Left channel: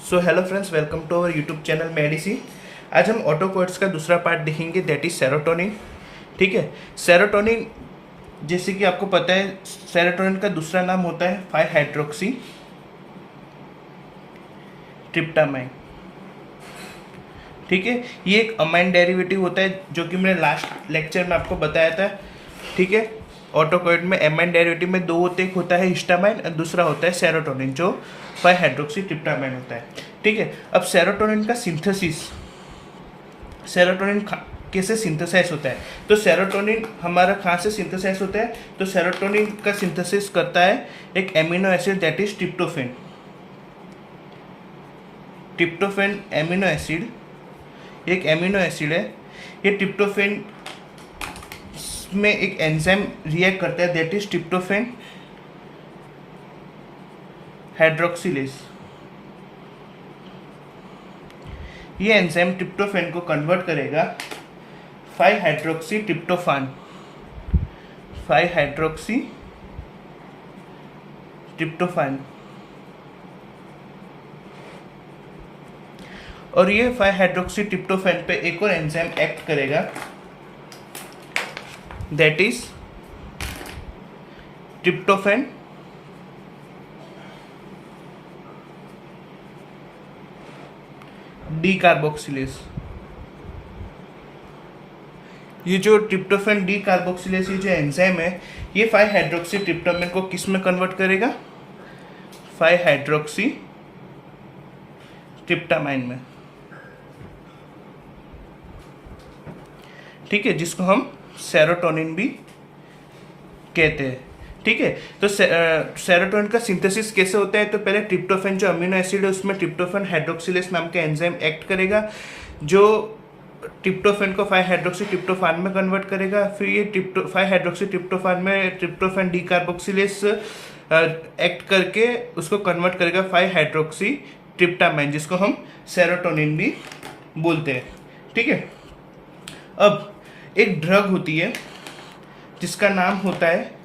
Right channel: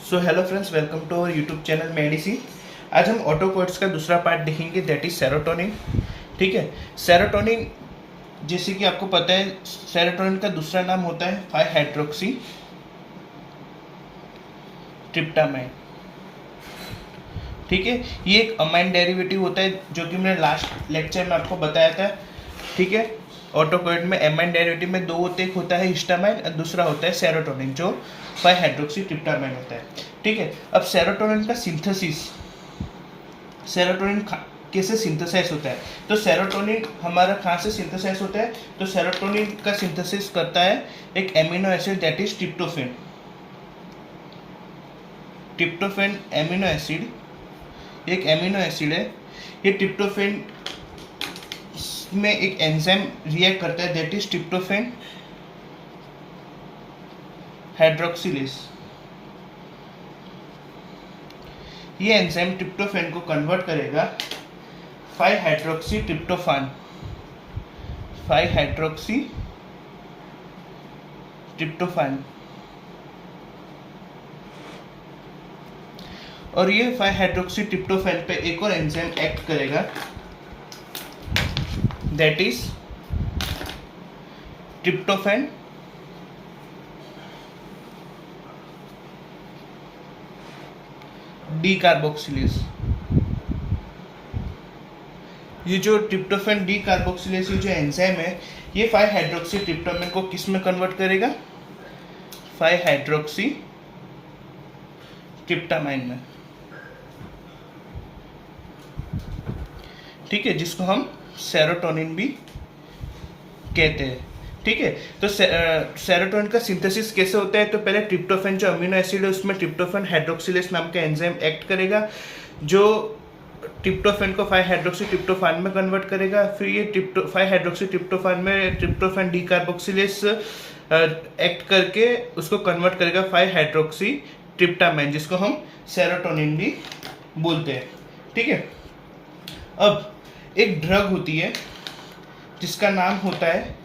So hello friends, welcome to our YouTube channel medicine. आज हम ऑटोकोड्स का दूसरा पार्ट देखेंगे, दैट इज सेरोटोनिन। ठीक है, सेरोटोनिन जैसे कि आपको पता है, सेरोटोनिन का दूसरा नाम होता है 5 हाइड्रोक्सी ट्रिप्टामाइन। ठीक है, ये एक अमाइन डेरिवेटिव होता है जो कि मैंने लास्ट लेक्चर में आपको बताया था। ठीक है, ऑटोकोड में अमाइन डेरिवेटिव में दो होते, एक होता है हिस्टामाइन और दूसरा होता है सेरोटोनिन जो 5 हाइड्रोक्सी ट्रिप्टामाइन होता है। ठीक है, अब सेरोटोनिन का सिंथेसिस, सेरोटोनिन कैसे सिंथेसाइज होता है, तो सेरोटोनिन हमारा कहाँ से सिंथेसाइज होता है, तो सेरोटोनिन का सिंथेसिस करता है एक amino acid that is tryptophan. Tryptophan amino acid एक एमिनो एसिड है। ये ट्रिप्टोफेन में एक एंजाइम रिएक्ट करता है दैट इज ट्रिप्टोफेन हाइड्रोक्सिलेज। ये एंजाइम ट्रिप्टोफेन को कन्वर्ट करेगा 5 हाइड्रोक्सी ट्रिप्टोफान, 5 हाइड्रोक्सी ट्रिप्टोफान। और ये 5 हाइड्रोक्सी ट्रिप्टोफैन पे एक और एंजाइम एक्ट करेगा that is tryptophan D carboxylase. ये जो ट्रिप्टोफैन डी कार्बोक्सिलेज, ये जो एंजाइम है, ये 5 हाइड्रोक्सी ट्रिप्टोफैन को किस में कन्वर्ट करेगा, 5 हाइड्रोक्सी ट्रिप्टामाइन में। ठीक है, जिसको हम सेरोटोनिन भी कहते हैं। ठीक है, तो सेरोटोनिन का सिंथेसिस कैसे होता है, तो पहले ट्रिप्टोफैन जो अमीनो एसिड है उसमें ट्रिप्टोफैन हाइड्रोक्सिलेज नाम का एंजाइम एक्ट करेगा जो ट्रिप्टोफैन को 5 हाइड्रोक्सी ट्रिप्टोफान में कन्वर्ट करेगा। फिर ये 5 हाइड्रोक्सी ट्रिप्टोफान में ट्रिप्टोफैन डी कार्बोक्सिलेज एक्ट करके उसको कन्वर्ट करेगा 5 हाइड्रोक्सी ट्रिप्टामाइन, जिसको हम सेरोटोनिन भी बोलते हैं। ठीक है, अब एक ड्रग होती है जिसका नाम होता है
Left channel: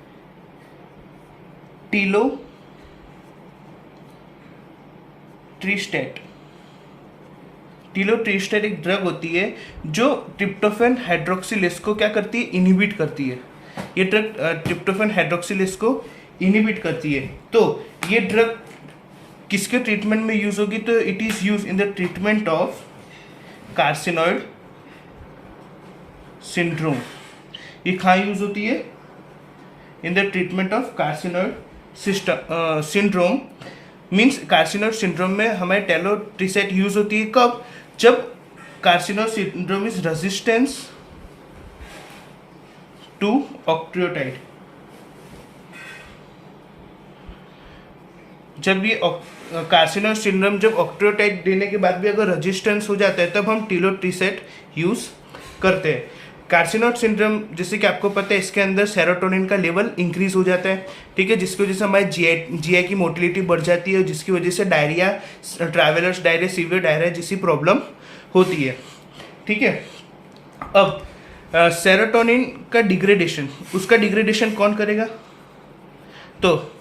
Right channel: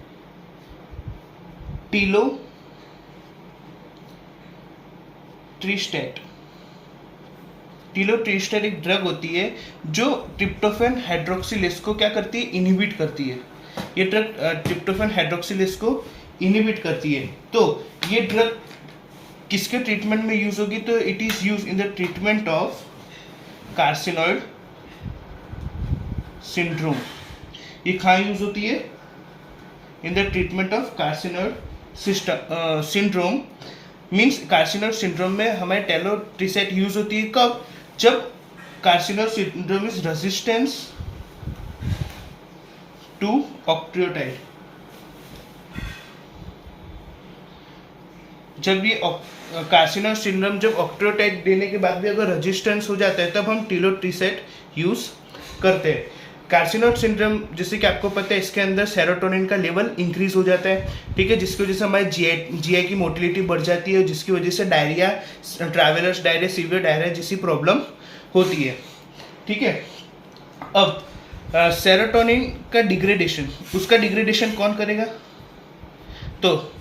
टिलोट्रिस्टेट। टिलोट्रिस्टेट एक ड्रग होती है जो ट्रिप्टोफैन हाइड्रोक्सिलेज को क्या करती है, इनहिबिट करती है। ये ड्रग ट्रिप्टोफैन हाइड्रोक्सिलेज को इनहिबिट करती है। तो ये ड्रग किसके ट्रीटमेंट में यूज होगी, तो it is use in the treatment of carcinoid syndrome. ये कहाँ यूज होती है, in the treatment of carcinoid syndrome. Means carcinoid syndrome में हमारे टेलोट्रिसेट यूज होती है कब, जब carcinoid syndrome is resistance to octreotide. जब ये कार्सिनॉइड सिंड्रोम जब ऑक्ट्रियोटाइड देने के बाद भी अगर रेजिस्टेंस हो जाता है तब हम टिलोट्रिसेट यूज करते हैं। कार्सिनॉइड सिंड्रोम जैसे कि आपको पता है, इसके अंदर सेरोटोनिन का लेवल इंक्रीज हो जाता है। ठीक है, जिसकी वजह से हमारे जीआई की मोटिलिटी बढ़ जाती है, जिसकी वजह से diarrhoea, travellers diarrhoea, severe diarrhoea जैसी प्रॉब्लम होती है। ठीक है, अब सेरोटोनिन का डिग्रेडेशन, उसका डिग्रेडेशन कौन करेगा, तो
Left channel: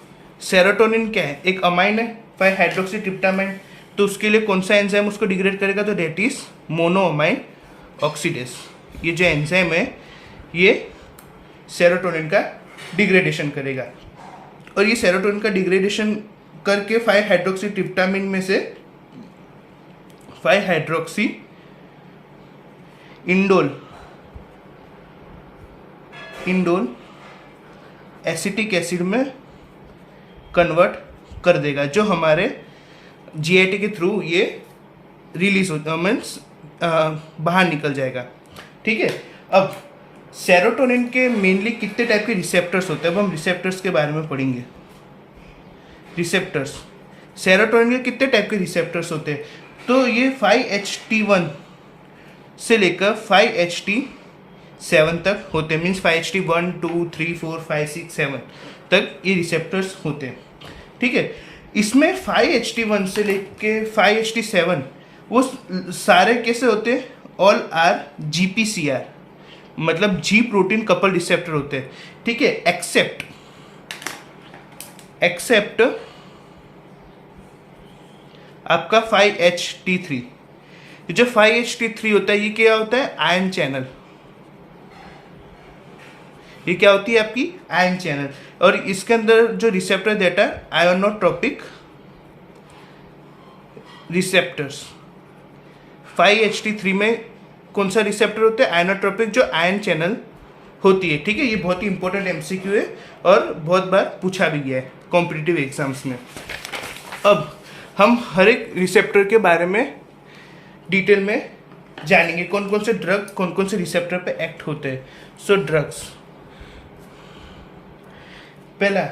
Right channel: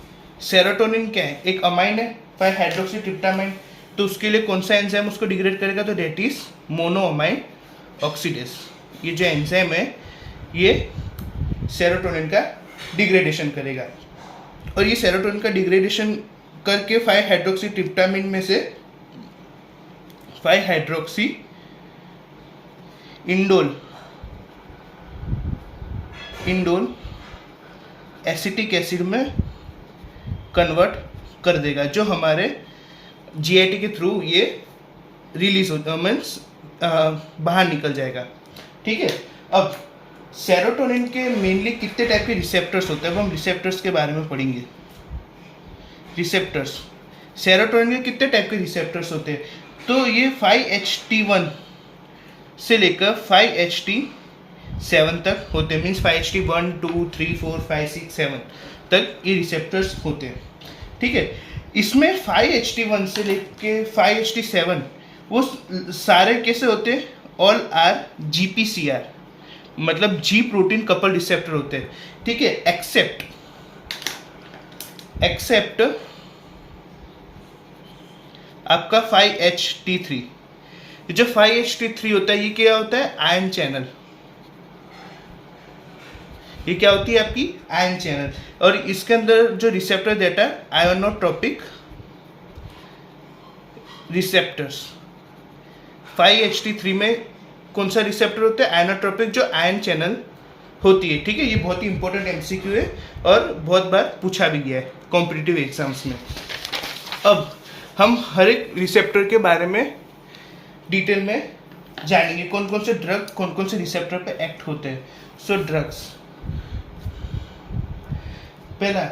सेरोटोनिन क्या है, एक अमाइन है 5 हाइड्रोक्सी ट्रिप्टामाइन, तो उसके लिए कौन सा एंजाइम उसको डिग्रेड करेगा, तो दैट इज मोनोअमाइन ऑक्सीडेज। ये जो एंजाइम है ये सेरोटोनिन का डिग्रेडेशन करेगा, और ये सेरोटोनिन का डिग्रेडेशन करके 5 हाइड्रोक्सी ट्रिप्टामिन में से 5 हाइड्रोक्सी इंडोल एसिटिक एसिड में कन्वर्ट कर देगा, जो हमारे जीआईटी के थ्रू ये रिलीज हो, मीन्स बाहर निकल जाएगा। ठीक है, अब सेरोटोनिन के मेनली कितने टाइप के रिसेप्टर्स होते हैं, अब हम रिसेप्टर्स के बारे में पढ़ेंगे। रिसेप्टर्स, सेरोटोनिन के कितने टाइप के रिसेप्टर्स होते हैं, तो ये 5HT1 से लेकर 5HT7 तक होते हैं। मीन्स 5HT1, 2, 3, 4, 5, 6, 7 तक ये रिसेप्टर्स होते हैं। ठीक है, इसमें 5HT1 से लेकर 5HT7 वो सारे कैसे होते हैं, ऑल आर GPCR, मतलब जी प्रोटीन कपल रिसेप्टर होते हैं। ठीक है, एक्सेप्ट आपका 5HT3। जो 5HT3 होता है ये क्या होता है? Ion channel. ये क्या होती है आपकी? Ion channel. और इसके अंदर जो रिसेप्टर देता है आयोनोट्रोपिक रिसेप्टर्स। 5HT3 में कौन सा रिसेप्टर होता है? आयोनोट्रोपिक, जो आयन चैनल होती है। ठीक है, ये बहुत ही इंपॉर्टेंट एमसीक्यू है और बहुत बार पूछा भी गया है कॉम्पिटिटिव एग्जाम्स में। अब हम हर एक रिसेप्टर के बारे में डिटेल में जानेंगे, कौन कौन से ड्रग कौन कौन से रिसेप्टर पे एक्ट होते हैं। सो ड्रग्स, पहला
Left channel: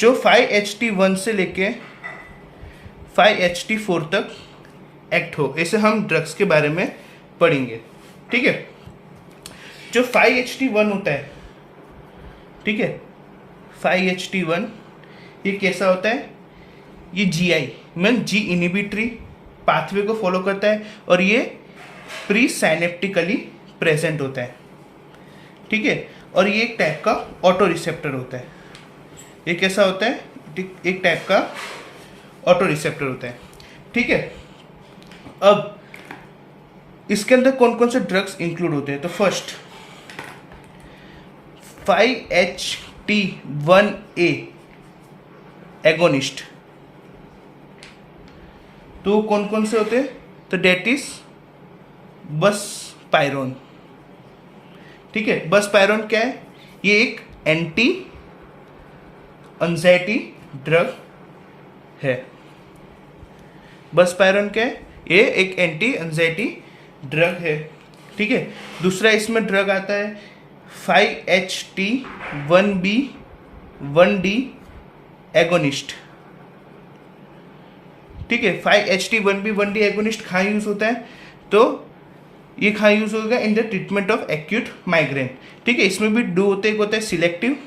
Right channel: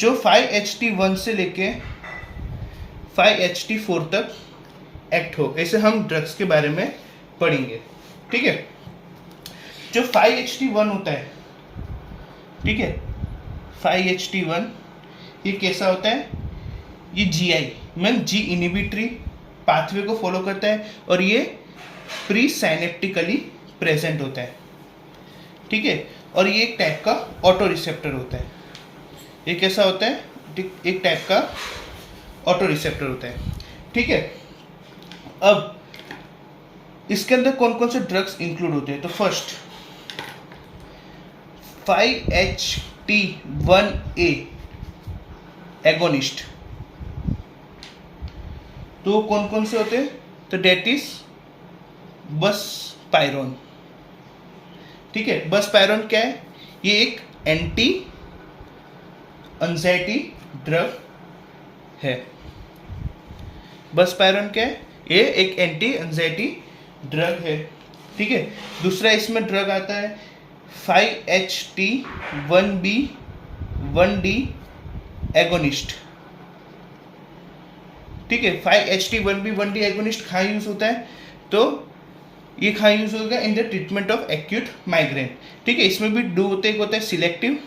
जो 5HT1 से लेके 5HT4 तक एक्ट हो, ऐसे हम ड्रग्स के बारे में पढ़ेंगे। ठीक है, जो 5HT1 होता है, ठीक है, 5HT1 ये कैसा होता है? ये GI मीन जी इनिबिटरी पाथवे को फॉलो करता है और ये प्री साइनेप्टिकली प्रेजेंट होता है। ठीक है, और ये एक टाइप का ऑटो रिसेप्टर होता है। ये कैसा होता है? एक टाइप का ऑटो रिसेप्टर होता है। ठीक है, अब इसके अंदर कौन कौन से ड्रग्स इंक्लूड होते हैं? तो फर्स्ट 5HT1A एगोनिस्ट। तो कौन कौन से होते हैं? तो डेट इज बसपायरोन। ठीक है, बसपायरोन क्या है? ये एक एंटी एंजाइटी ड्रग है। बसपायरोन क्या है? ये एक एंटी एंजाइटी ड्रग है। ठीक है, दूसरा इसमें ड्रग आता है 5HT1B1D एगोनिस्ट। ठीक है, 5HT1B1D एगोनिस्ट कहाँ यूज होता है? तो ये कहाँ यूज होगा? इन the treatment of acute migraine. ठीक है, इसमें भी दो होते हैं, एक होता है सिलेक्टिव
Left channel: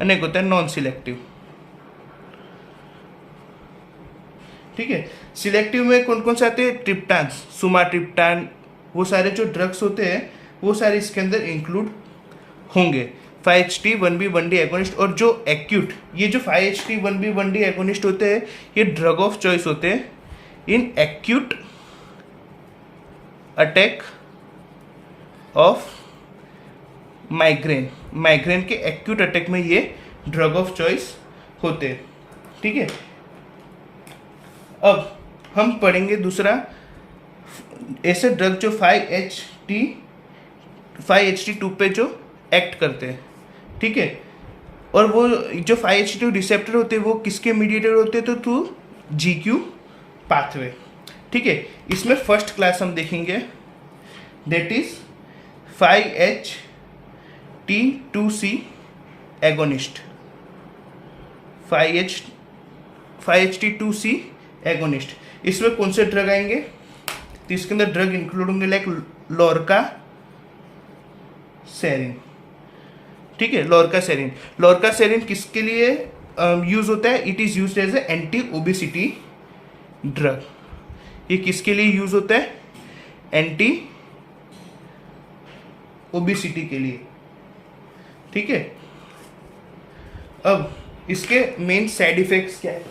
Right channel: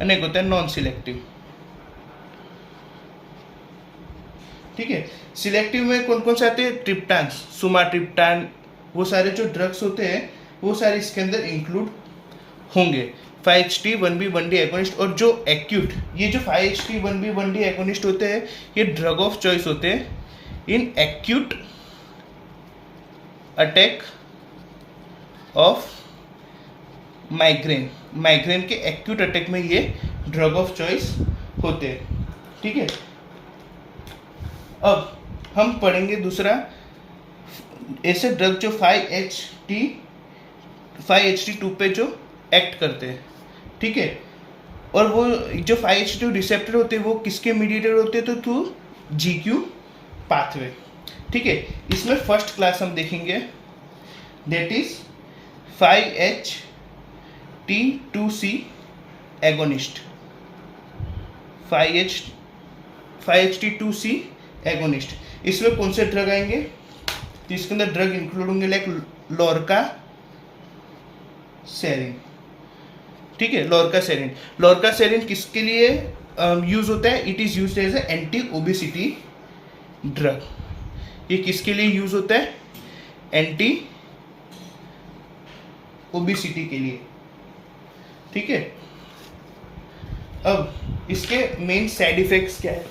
और एक होता है नॉन सिलेक्टिव। ठीक है, सिलेक्टिव में कौन कौन से आते हैं? ट्रिप्टान, सुमाट्रिप्टान, वो सारे जो ड्रग्स होते हैं वो सारे इसके अंदर इंक्लूड होंगे। 5HT1B1D agonist. और जो एक्यूट, ये जो 5HT1B1D एगोनिस्ट होते हैं ये ड्रग ऑफ चॉइस होते हैं in acute attack of migraine. Migraine के एक्यूट अटैक में ये ड्रग ऑफ चॉइस होते हैं। ठीक है, अब हम पढ़ेंगे दूसरा ऐसे ड्रग जो 5HT2 पे जो एक्ट करते हैं। ठीक है, और वो जो 5HT2 रिसेप्टर होते हैं वो किसके मीडिएटर होते हैं? तो थ्रू GQ पाथवे। ठीक है, इसमें फर्स्ट क्लास हम देखेंगे, that is 5HT2C agonist. 5HT2C agonist. इसमें कौन से ड्रग आएंगे? तो इसके अंदर ड्रग इंक्लूड होंगे लाइक लोरका सेरिन। ठीक है, लोरका सेरिन। लोरका सेरिन किसके लिए यूज होता है? It is used as a anti obesity drug. ये किसके लिए यूज होता है? एंटी ओबेसिटी के लिए। ठीक है, अब इसके मेन साइड इफेक्ट्स क्या है?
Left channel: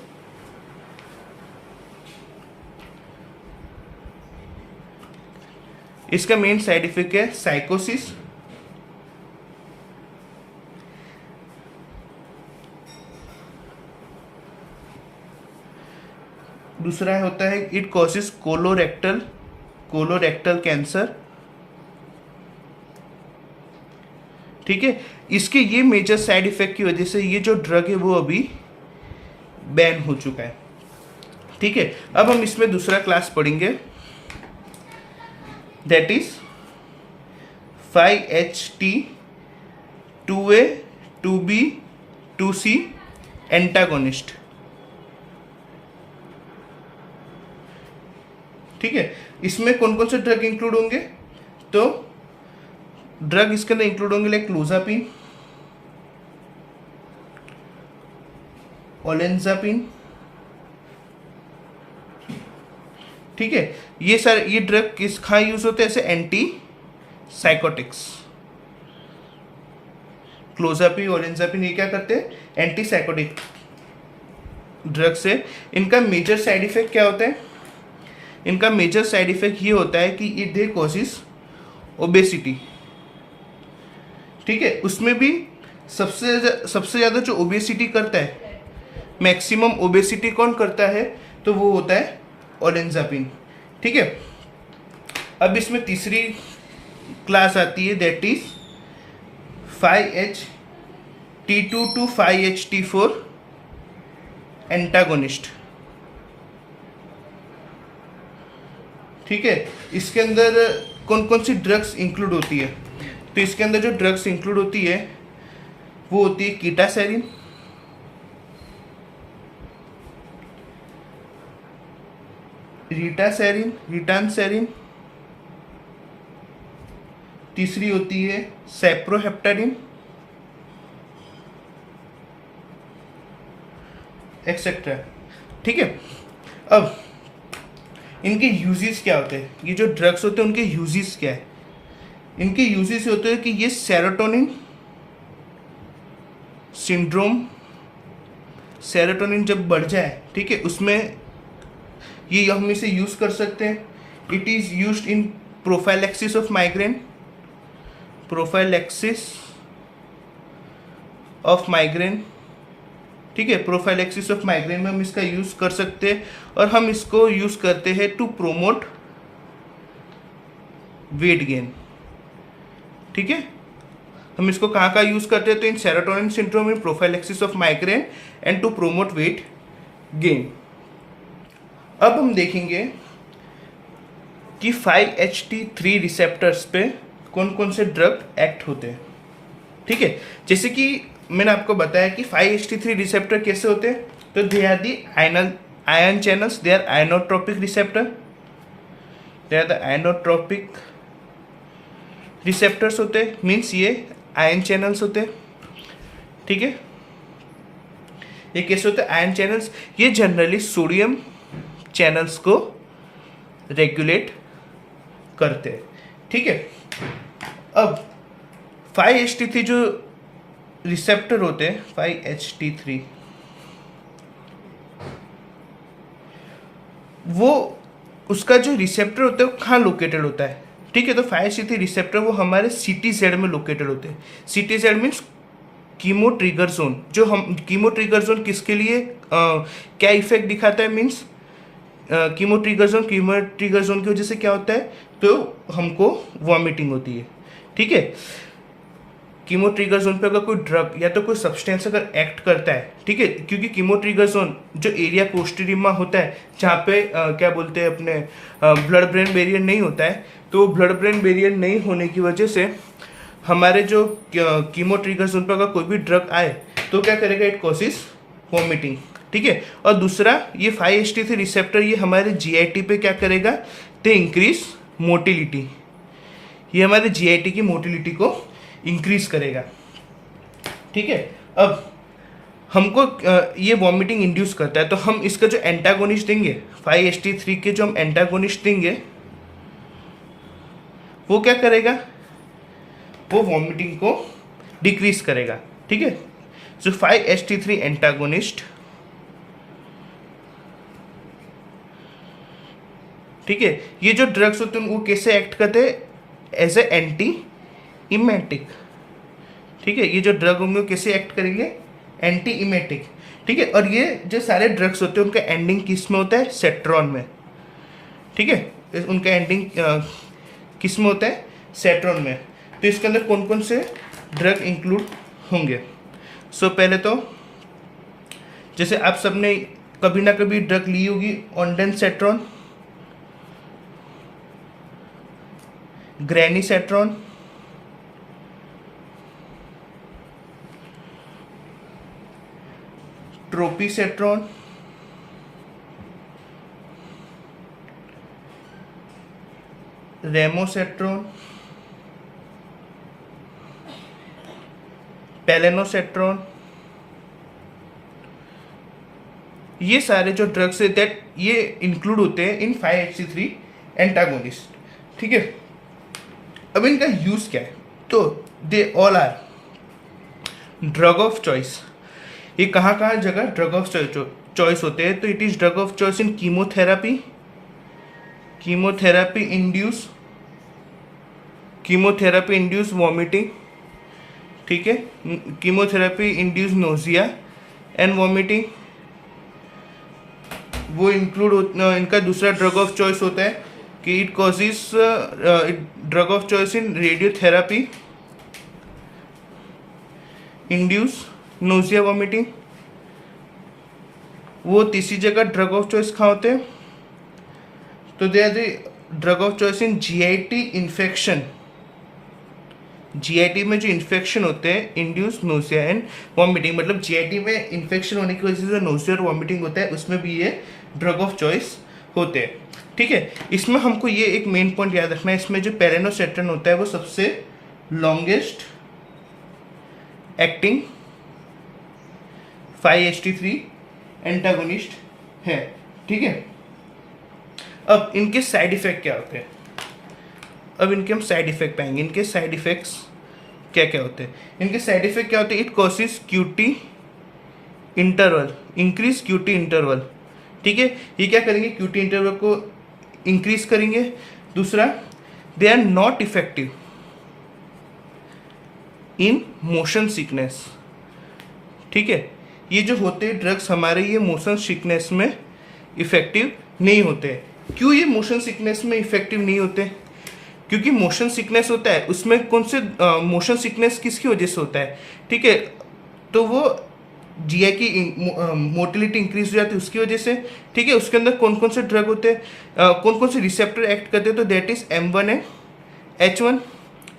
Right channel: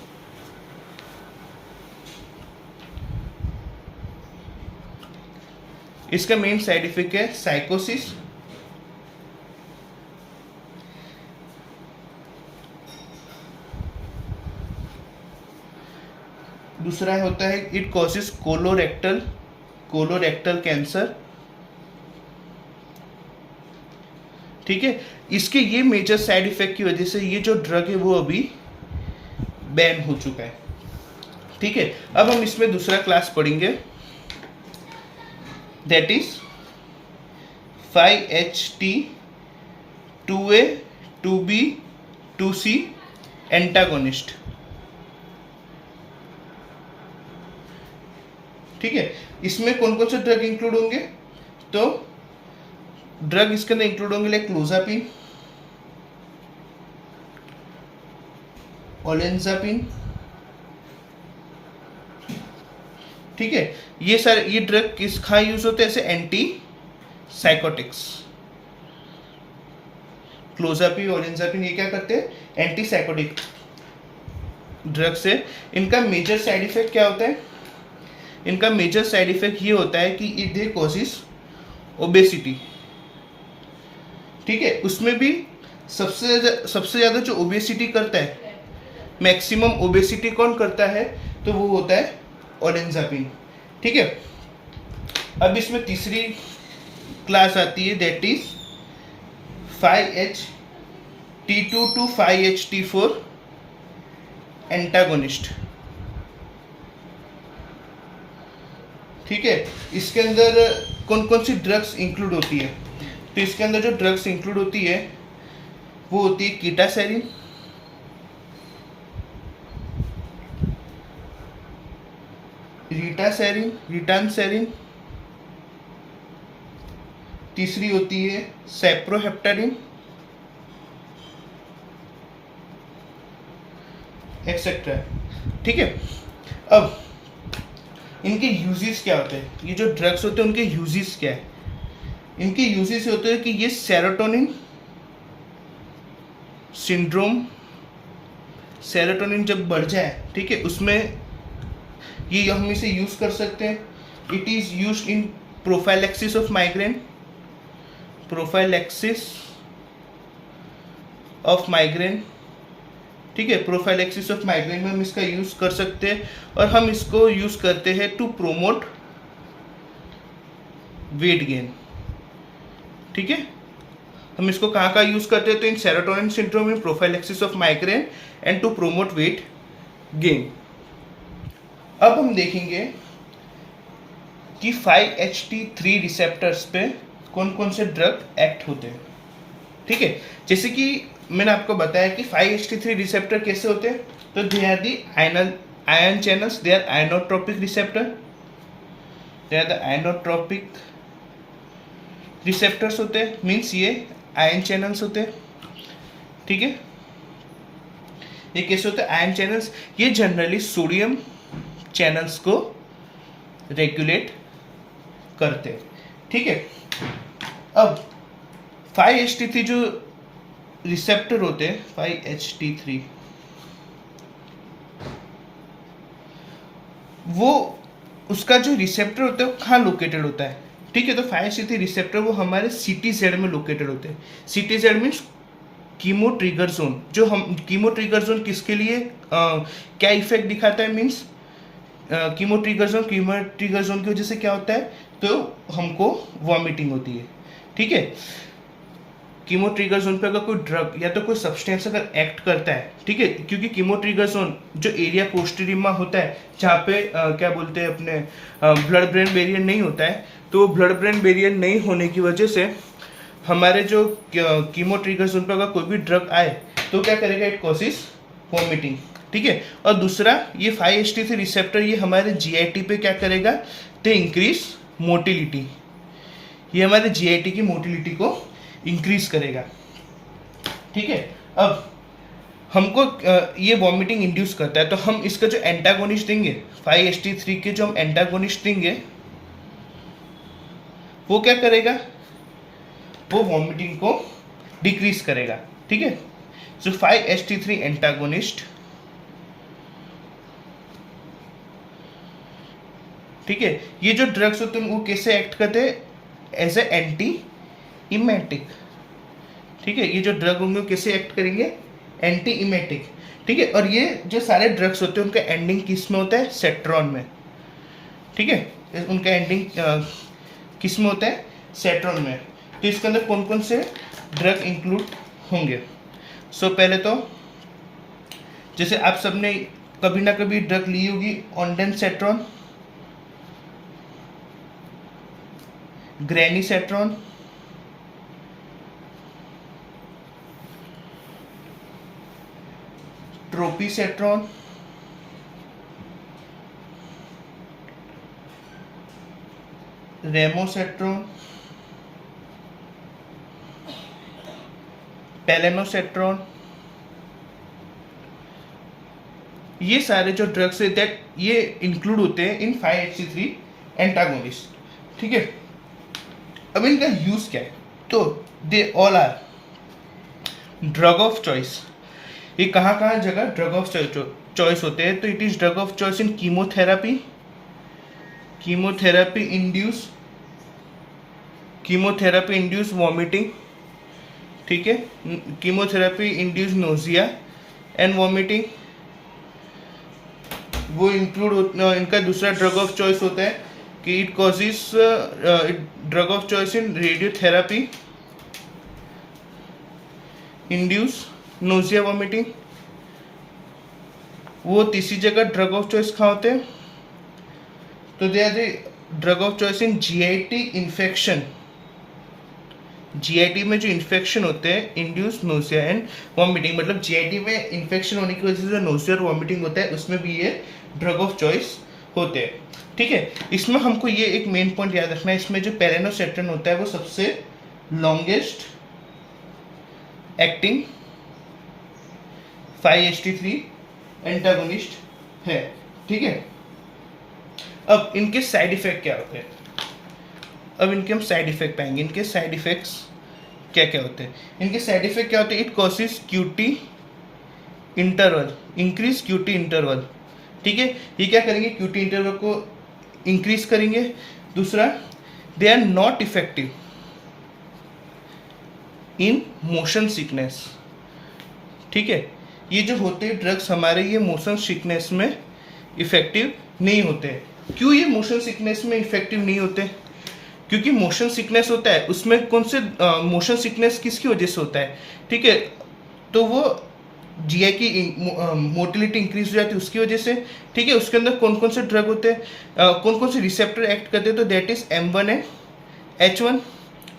इसका मेन साइड इफेक्ट है साइकोसिस, दूसरा होता है इट कॉजेस कोलोरेक्टल कैंसर। ठीक है, इसके ये मेजर साइड इफेक्ट की वजह से ये जो ड्रग है वो अभी बैन हो चुका है। ठीक है, अब हम इसमें दूसरा क्लास पढ़ेंगे, that is 5HT2A 2B 2C antagonist. ठीक है, इसमें कौन कौन से ड्रग इंक्लूड होंगे? तो ड्रग इसके अंदर इंक्लूड होंगे लाइक क्लोजापिन, ओलेंजापिन। ठीक है, ये सारे ये ड्रग किस कहाँ यूज होते हैं? ऐसे एंटी साइकोटिक्स। क्लोजापिन, ओलेंजापिन ये क्या करते हैं? Anti psychotic. ड्रग्स है, इनका मेजर साइड इफेक्ट क्या होता है? इनका मेजर साइड इफेक्ट ये होता है कि दे कॉजेस ओबेसिटी। ठीक है, उसमें भी सबसे ज़्यादा जो ओबेसिटी करता है, मैक्सिमम ओबेसिटी कौन करता है? तो वो होता है ओलेंजापिन। ठीक है, अब इसमें तीसरी क्लास आती है, that is 5-HT2 to 5-HT4 antagonist. ठीक है, इसके अंदर कौन कौन सी ड्रग्स इंक्लूड होती है? तो इसके अंदर जो ड्रग्स इंक्लूड होती है वो होती है कीटासेरिन, रीटासेरिन, रिटानसेरिन, तीसरी होती है सैप्रोहेप्टाडिन, एक्सेट्रा। ठीक है, अब इनके यूजेस क्या होते हैं? ये जो ड्रग्स होते हैं उनके यूजेस क्या है? इनके यूजेस होते हैं कि ये सेरोटोनिन सिंड्रोम, सेरोटोनिन जब बढ़ जाए, ठीक है, उसमें ये हम इसे यूज कर सकते हैं। It is used in prophylaxis of migraine, prophylaxis of migraine. ठीक है, प्रोफाइलैक्सिस ऑफ माइग्रेन में हम इसका यूज कर सकते हैं, और हम इसको यूज करते हैं टू प्रोमोट वेट गेन। ठीक है, हम इसको कहाँ का यूज करते हैं? तो in serotonin syndrome, in prophylaxis of migraine and to promote weight gain. अब हम देखेंगे कि 5-HT3 रिसेप्टर्स पे कौन कौन से ड्रग एक्ट होते हैं। ठीक है, जैसे कि मैंने आपको बताया कि 5-HT3 रिसेप्टर कैसे होते हैं, तो they are the ion channels, they are ionotropic receptor, they are the ionotropic receptors होते हैं, मीन्स ये आयन चैनल्स होते हैं। ठीक है, ये कैसे होते हैं आयन चैनल्स? ये जनरली सोडियम चैनल्स को रेगुलेट करते हैं। ठीक है, अब 5-HT3 जो रिसेप्टर होते हैं, 5-HT3, वो उसका जो रिसेप्टर होता है वो कहाँ लोकेटेड होता है? ठीक है, तो 5-HT3 रिसेप्टर वो हमारे CTZ में लोकेटेड होते हैं। CTZ means chemo trigger zone. जो हम कीमो ट्रिगर जोन किसके लिए क्या इफेक्ट दिखाता है? मीन्स कीमो ट्रिगर जोन की वजह से क्या होता है? तो हमको वॉमिटिंग होती है। ठीक है, कीमो ट्रिगर जोन पे अगर कोई ड्रग या तो कोई सब्सटेंस अगर एक्ट करता है, ठीक है, क्योंकि कीमो ट्रिगर जोन जो एरिया पोस्टेरियम में होता है, जहाँ पे क्या बोलते हैं अपने ब्लड ब्रेन बैरियर नहीं होता है, तो ब्लड ब्रेन बैरियर नहीं होने की वजह से हमारे जो कीमो ट्रिगर जोन पर अगर कोई भी ड्रग आए तो क्या करेगा? It causes vomiting. ठीक है, और दूसरा ये 5-HT3 रिसेप्टर ये हमारे GIT पे क्या करेगा? तो इंक्रीज मोटिलिटी, ये हमारे GIT की मोटिलिटी को इंक्रीज करेगा। ठीक है, अब हमको ये वॉमिटिंग इंड्यूस करता है, तो हम इसका जो एंटागोनिस्ट देंगे 5-HT3 के, जो हम एंटागोनिस्ट देंगे वो क्या करेगा? वो वॉमिटिंग को डिक्रीज करेगा। ठीक है, सो 5-HT3 एंटागोनिस्ट, ठीक है, ये जो ड्रग्स होते हैं वो कैसे एक्ट करते हैं? As a anti emetic. ठीक है, ये जो ड्रग होंगे वो कैसे एक्ट करेंगे? Anti emetic. ठीक है, और ये जो सारे ड्रग्स होते हैं उनका एंडिंग किस में होता है? सेट्रॉन में। ठीक है, उनका एंडिंग किस में होता है? सेट्रॉन में। तो इसके अंदर कौन कौन से ड्रग इंक्लूड होंगे? सो पहले तो जैसे आप सबने कभी ना कभी ड्रग ली होगी, ऑन्डेनसेट्रॉन, ग्रेनीसेट्रॉन, ट्रोपीसेट्रॉन, रेमोसेट्रॉन, पेलेनोसेट्रॉन। ये सारे जो ड्रग्स है दैट ये इंक्लूड होते हैं इन 5-HT3 एंटागोनिस्ट। ठीक है, अब इनका यूज क्या है? तो they all are drug of choice. ये कहाँ कहाँ जगह ड्रग ऑफ चॉइस होते हैं, तो it is drug of choice in chemotherapy, chemotherapy induce vomiting, ठीक है, chemotherapy induce nausea and vomiting, वो इंक्लूड इनका दूसरा ड्रग ऑफ चॉइस होता है कि it causes drug of choice in radiotherapy induce nausea vomiting. वो तीसरी जगह ड्रग ऑफ चॉइस कहाँ होते हैं, तो they are the drug of choice in GIT infection, GIT में जो इन्फेक्शन होते हैं इंड्यूस नोजिया एंड वॉमिटिंग, मतलब जीआईटी में इन्फेक्शन होने की वजह से नोजिया और वॉमिटिंग होता है, उसमें भी ये ड्रग ऑफ चॉइस होते हैं, ठीक है। इसमें हमको ये एक मेन पॉइंट याद रखना है, इसमें जो पेरेनोसेट्रिन होता है वो सबसे लॉन्गेस्ट एक्टिंग 5-HT3 एंटागोनिस्ट है, ठीक है। अब इनके साइड इफेक्ट क्या होते हैं, अब इनके हम साइड इफेक्ट पाएंगे। इनके साइड इफेक्ट्स क्या क्या होते हैं, इनके साइड इफेक्ट क्या होते हैं, it causes QT interval, increase QT interval, ठीक है। ये क्या करेंगे, क्यूटी इंटरवल को इंक्रीज करेंगे। दूसरा, they are not effective in motion sickness, ठीक है। ये जो होते हैं ड्रग्स हमारे, ये मोशन सिकनेस में इफेक्टिव नहीं होते। क्यों ये मोशन सिकनेस में इफेक्टिव नहीं होते, क्योंकि मोशन सिकनेस होता है, उसमें कौन से मोशन सिकनेस किसकी वजह से होता है, ठीक है, तो वो जीआई की मोटिलिटी इंक्रीज हो जाती है उसकी वजह से, ठीक है। उसके अंदर कौन कौन से ड्रग होते हैं, कौन कौन से रिसेप्टर एक्ट करते हैं, तो that is M1 and H1,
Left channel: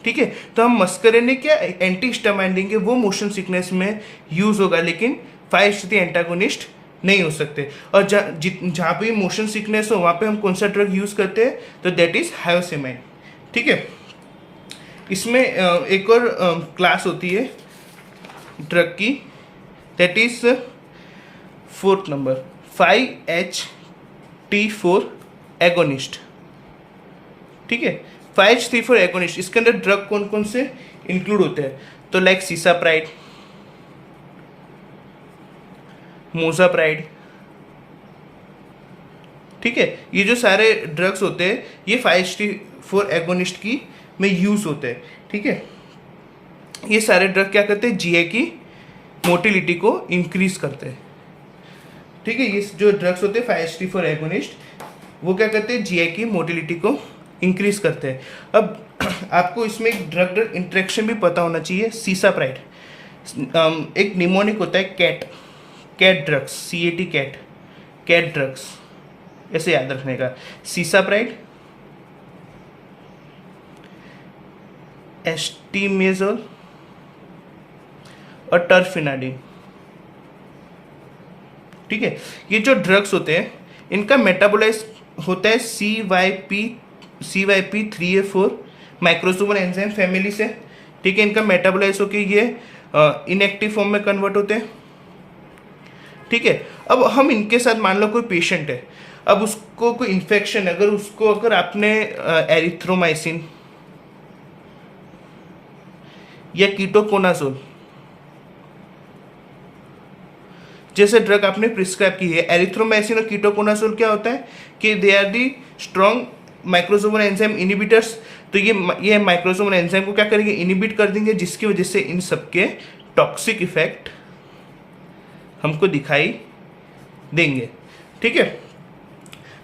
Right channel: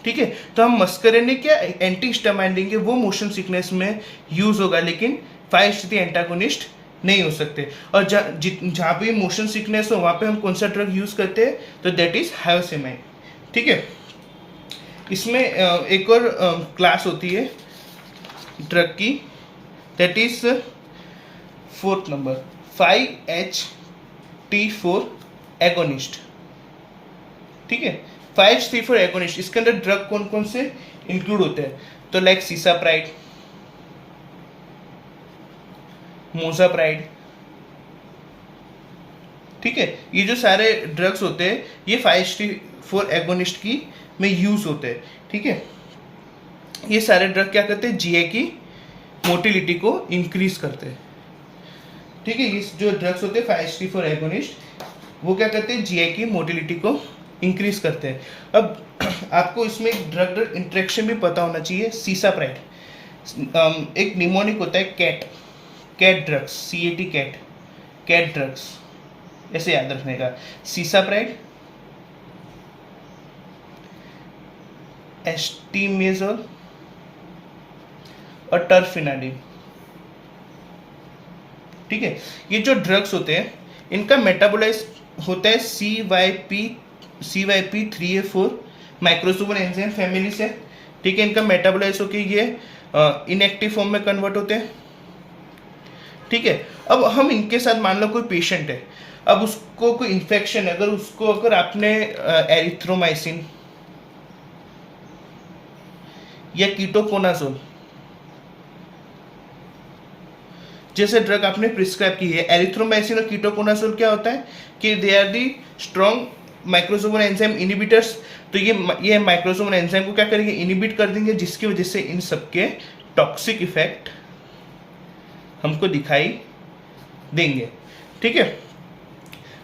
ठीक है। तो हम मस्करेनिक क्या एंटी हिस्टामाइन देंगे, वो मोशन सिकनेस में यूज होगा, लेकिन 5-HT एंटागोनिस्ट नहीं हो सकते। और जहाँ पे मोशन सिकनेस हो वहाँ पे हम कौन सा ड्रग यूज करते हैं, तो दैट इज हायोसेमाइन, ठीक है। इसमें एक और क्लास होती है ड्रग की, that is 4th number 5-HT4 agonist, ठीक है। 5-HT4 एगोनिस्ट, इसके अंदर ड्रग कौन कौन से इंक्लूड होते हैं, तो लाइक सीसाप्राइड, मोजाप्राइड, ठीक है। ये जो सारे ड्रग्स होते हैं ये 5-HT4 एगोनिस्ट की में यूज होते हैं, ठीक है। ये सारे ड्रग क्या करते हैं, जीए की मोटिलिटी को इंक्रीज करते हैं, ठीक है। ये जो ड्रग्स होते हैं 5-HT4 एगोनिस्ट, वो क्या करते हैं, जीए की मोटिलिटी को इंक्रीज करते हैं। अब आपको इसमें एक ड्रग ड्रग इंटरेक्शन भी पता होना चाहिए। सीसाप्राइड एक निमोनिक होता है cat drugs, CAT cat drugs, ऐसे याद रखने का। सीसाप्राइड, एस्टीमेजोल और टर्फिनाडिन, ठीक है। ये जो ड्रग्स होते हैं इनका मेटाबोलाइज होता है CYP3A4 माइक्रोसोमल एंजाइम फैमिली से, ठीक है। इनका मेटाबोलाइज होकर ये इनएक्टिव फॉर्म में कन्वर्ट होते हैं, ठीक है। अब हम इनके साथ मान लो कोई पेशेंट है, अब उसको कोई इन्फेक्शन है, अगर आपने एरिथ्रोमाइसिन या कीटोकोनाजोल जैसे ड्रग आपने प्रिस्क्राइब की है, एरिथ्रोमाइसिन और कीटोकोनाजोल क्या होता है कि they are the strong microsomal enzyme inhibitors, तो ये माइक्रोसोमल एंजाइम को क्या करेंगे, इनिबिट कर देंगे, जिसकी वजह से इन सबके टॉक्सिक इफेक्ट हमको दिखाई देंगे, ठीक है।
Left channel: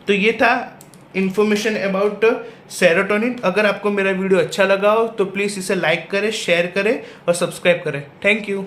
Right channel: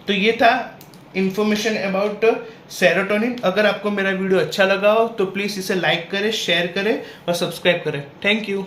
तो ये था इंफॉर्मेशन अबाउट सेरोटोनिन। अगर आपको मेरा वीडियो अच्छा लगा हो तो प्लीज़ इसे लाइक करें, शेयर करें और सब्सक्राइब करें। Thank you.